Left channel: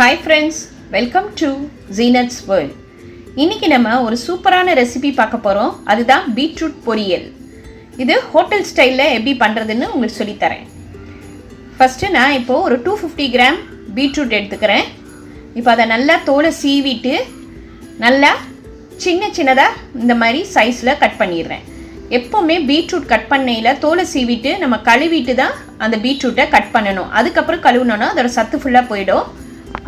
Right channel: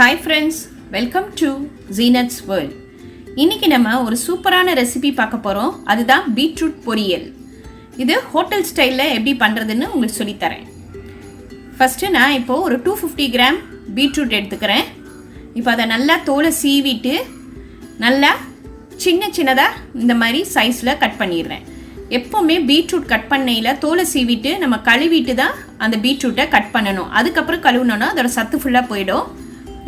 Hi friends, welcome to Zeenath's World. இன்னைக்கு நம்ம ஒரு சூப்பரான ரெசிபி பார்க்க போறோம். அதுதான் பீட்ரூட் பொரியல். இது ஹோட்டல் ஸ்டைல்ல எப்படி பண்றதுன்னு உங்களுக்கு சொல்லி தரேன். ஃபர்ஸ்ட் நான் இப்போ ஒரு 250 கிராம் பீட்ரூட் எடுத்துக்கிறேன். இப்போ அதை நல்லா தோலை சீவிட்டு நல்லா சின்னதா இந்த மாதிரி சைஸ்ல கட் பண்ணிடுறேன். எப்பவுமே பீட்ரூட் கட் பண்ணையில தோலை சீவிட்டு நம்ம கழுவிட்டு தான் அந்த பீட்ரூட்டை கட் பண்ணணும். அதுக்கப்புறம் கழுவுனோன்னா அதோட சத்து ஃபுல்லாக போயிடும்.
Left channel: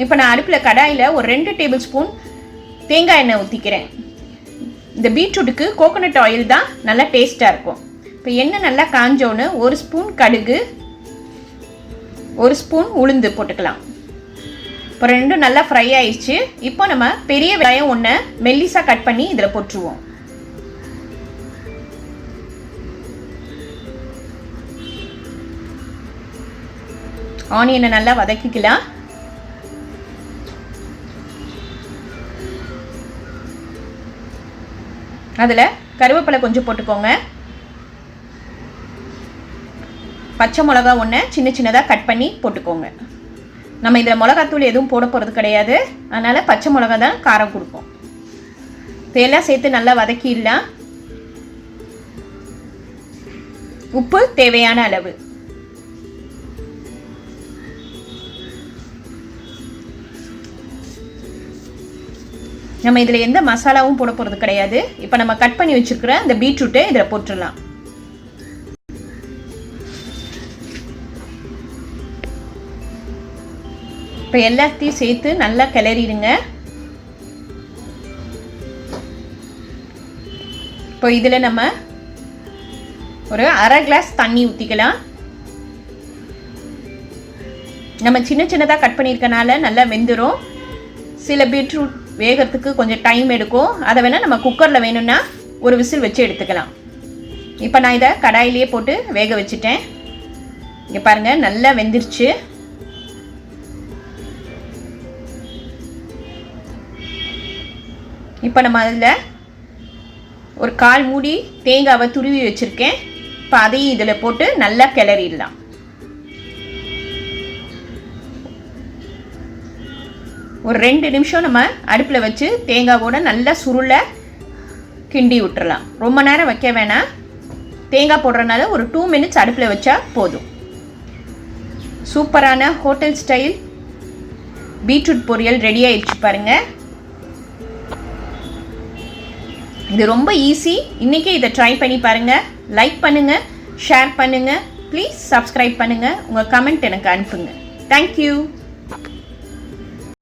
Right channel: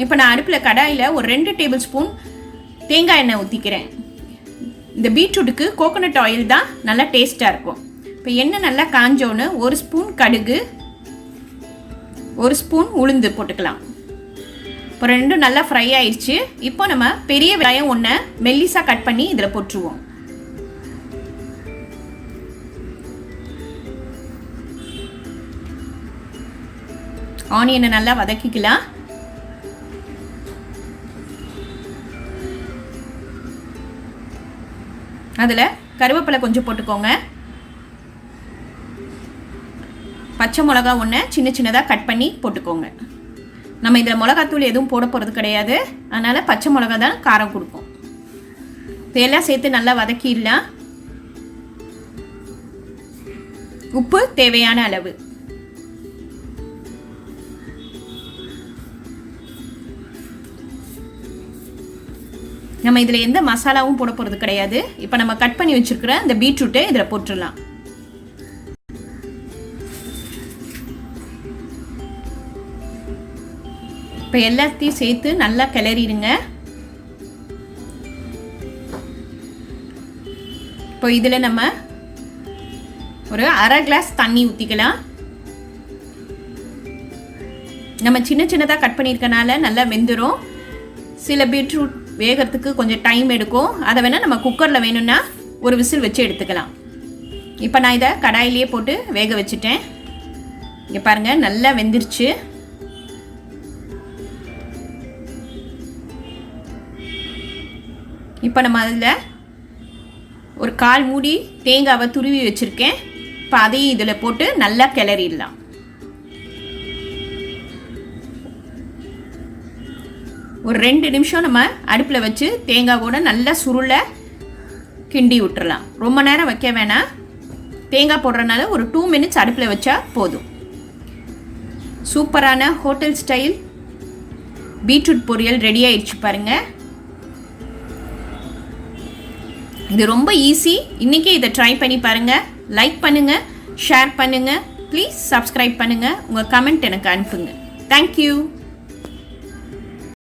இப்போ நான் அடுப்பில் கடாயில் ஒரு 2 டேபிள் ஸ்பூன் தேங்காய் எண்ணெய் ஊற்றிக்கிறேன். இந்த பீட்ரூட்டுக்கு கோகோனட் ஆயில் தான் நல்லா டேஸ்ட்டாக இருக்கும். இப்போ எண்ணெய் நல்லா காஞ்சோன்னு 1 ஸ்பூன் கடுகு, 1 ஸ்பூன் உளுந்து போட்டுக்கலாம். இப்போ ரெண்டும் நல்லா ஃப்ரை ஆயிடுச்சு. இப்போ நம்ம பெரிய வெங்காயம் ஒன்று மெல்லிஸாக கட் பண்ணி இதில் போட்டுருவோம். ஆனியனை நல்லா வதக்கிக்கலாம். அதில் கருவேப்பிலை கொஞ்சம் போட்டுக்கோங்க. பச்சை மிளகா ஒன்று சின்னதாக கட் பண்ணி போட்டுக்கோங்க. நம்ம இதில் மிளகாத்தூள் எதுவும் போட போகிறது கிடையாது, அதனால் பச்சை மிளகா தான் காரம் கொடுக்கும். இதெல்லாம் சேர்த்து நல்லா வதக்கிடலாம். உப்பு தேவையான அளவு. நம்ம இதில் எந்த மசாலாவும் போட போகிறது கிடையாது. இப்போ நம்ம கட் பண்ணி வச்சுருக்கிற இந்த பீட்ரூட்டை இதில் போட்டுடலாம். இப்போ எல்லாத்தையும் சேர்த்து நல்லா கிளறிடுங்க. இப்போ இதில் நம்ம ஒரு 1/2 கிளாஸ் தண்ணி ஊற்றிக்கலாம். நம்ம சின்னதாக கட் பண்ணியிருக்கனால நல்லா வெந்துடும். சில பீட்ரூட் வேகிறதுக்கு கொஞ்சம் டைம் எடுக்கும். அதை வேணால் நம்ம குக்கரில் வேணும்னா ஒரு விசில் வச்சு எடுத்துக்கலாம். இப்போ நான் இதை கடாயிலேயே போட்டு வேக வச்சுட்டேன். இங்கே பாருங்கள், நல்லா வெந்துருச்சு. இப்போ நம்ம அதில் ஒரு 1/4 மூடி தேங்காவை துருவி வச்சுருக்கேன். இப்போ அதையும் இதில் போட்டு நல்லா கிளறிடலாம். ஒரு 2 நிமிஷம் நம்ம அடுப்பில் வச்சு தேங்காவோட நல்லா சுருள கிண்டி விட்டுறலாம். ரொம்ப நேரம் வைக்க வேணாம். தேங்காய் போடுறதுனால ஒரு 2 மினிட்ஸ் அடுப்பில் வச்சா போதும். சூப்பரான ஹோட்டல் ஸ்டைல் பீட்ரூட் பொரியல் ரெடி ஆயிடுச்சு பாருங்கள். இது ரொம்ப ஈஸி. இன்றைக்கி இதை ட்ரை பண்ணி பாருங்கள். லைக் பண்ணுங்கள், ஷேர் பண்ணுங்கள், ப்ளீஸ் சப்ஸ்கிரைப் பண்ணுங்கள். உங்கள் கமெண்ட் எனக்கு அனுப்புங்க. தேங்க்யூ.